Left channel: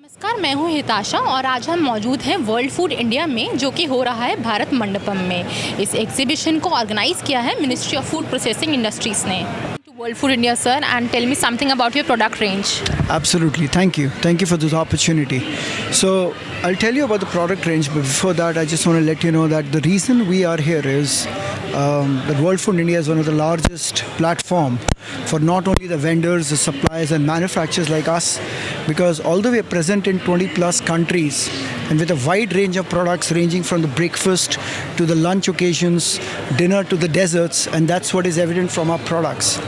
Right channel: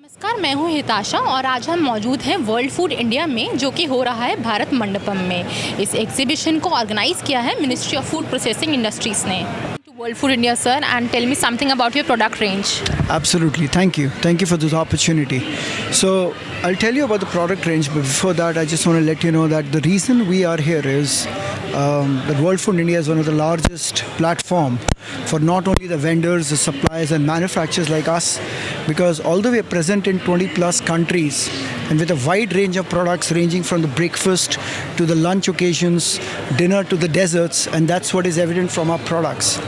नमस्कार, मैं हूँ हिताशा और आज हम मौजूद हैं वर्ल्ड फूड इंडिया में, जो कि हो रहा है भारत मंडपम में। इस एग्जीबिशन को ऑर्गेनाइज किया है ministry of food processing industries ने। World Food India, sir, and tell me something about your product range. Absolutely. Thank you. Thank you for this opportunity. So, I'll tell you about the product range, but before that, I just want to let you know that the reason we are here is that World Food India is one of the largest platform for not only the vendors, the suppliers, and manufacturers like us, because although we are present in 20 plus countries and with a wide range of products ranging from the breakfast to the lunch occasions, dinner to the desserts, and that's what is evident from our products.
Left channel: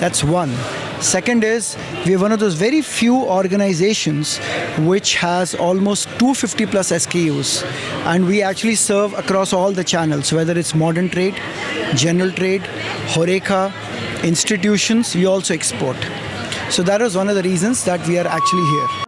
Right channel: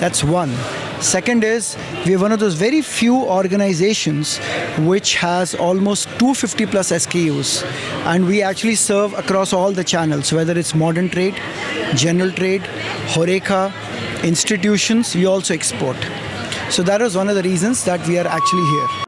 That's one. Second is, we are one of those very few organizations which has almost 250 plus SKUs, and we actually serve across all the channels, whether it's modern trade, general trade, Horeca, institutions. We also export. So that is one of the reasons that we are actually here.